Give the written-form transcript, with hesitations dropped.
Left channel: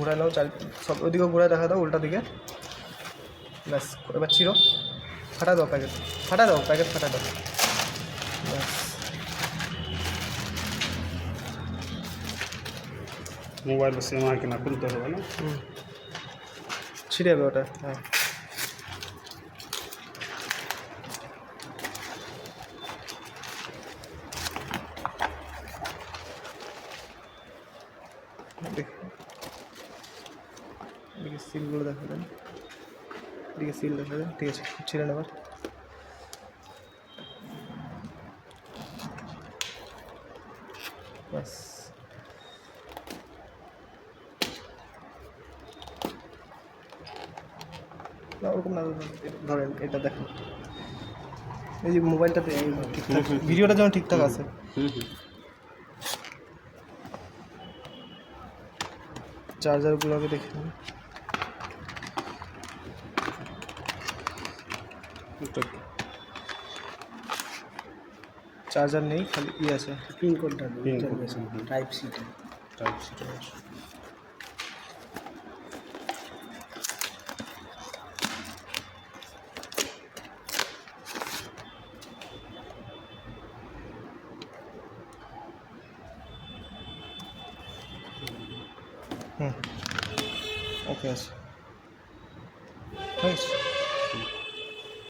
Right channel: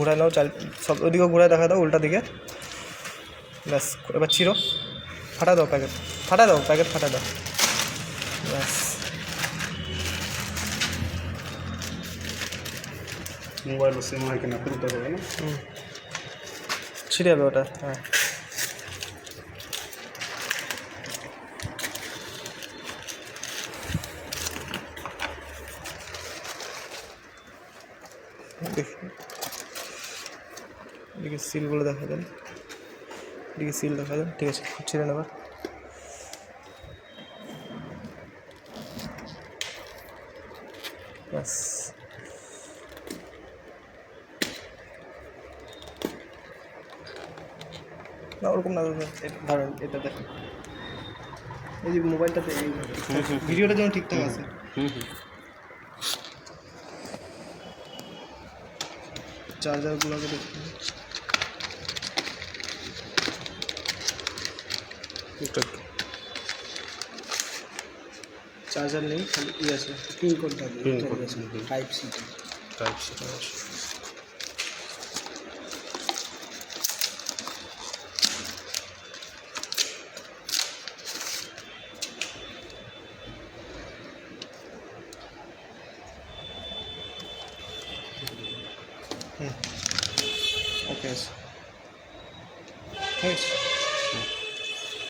ঘোরায় নাও, সব ওদিকেও ঘোরায় দেখা দাও, উল্টা দিকে। ব্যাস, এবার চিরো, ফাটা দাও প্যাকেট, ফাটা দাও প্যাকেট, ফাটা দাও, ব্যাস। মোবাইল সেম হয় কিনা খুলতে হবে না? ছিঁড়ে যাবে ওটা, হ্যাঁ। দেখি এদিকে সিলগুলো দেখা দেন, এদিকে সিল দেখা দেন, ঠিক আছে, ছিঁড়ে নেবার। ব্যাস, না ওরকম না, ধরেন এটা দেখেন, এই যে মোবাইলটাতে ঠিকঠাক ভিডিওটা যেন ঠিকঠাক আছে। চার্জারগুলোকে দেখুন, চার্জার নেই, খালি ইয়ে আছে, পিন কোডটা টাইপ সিটা, টাইপ সিটা আছে। ওকে, ঠিক আছে।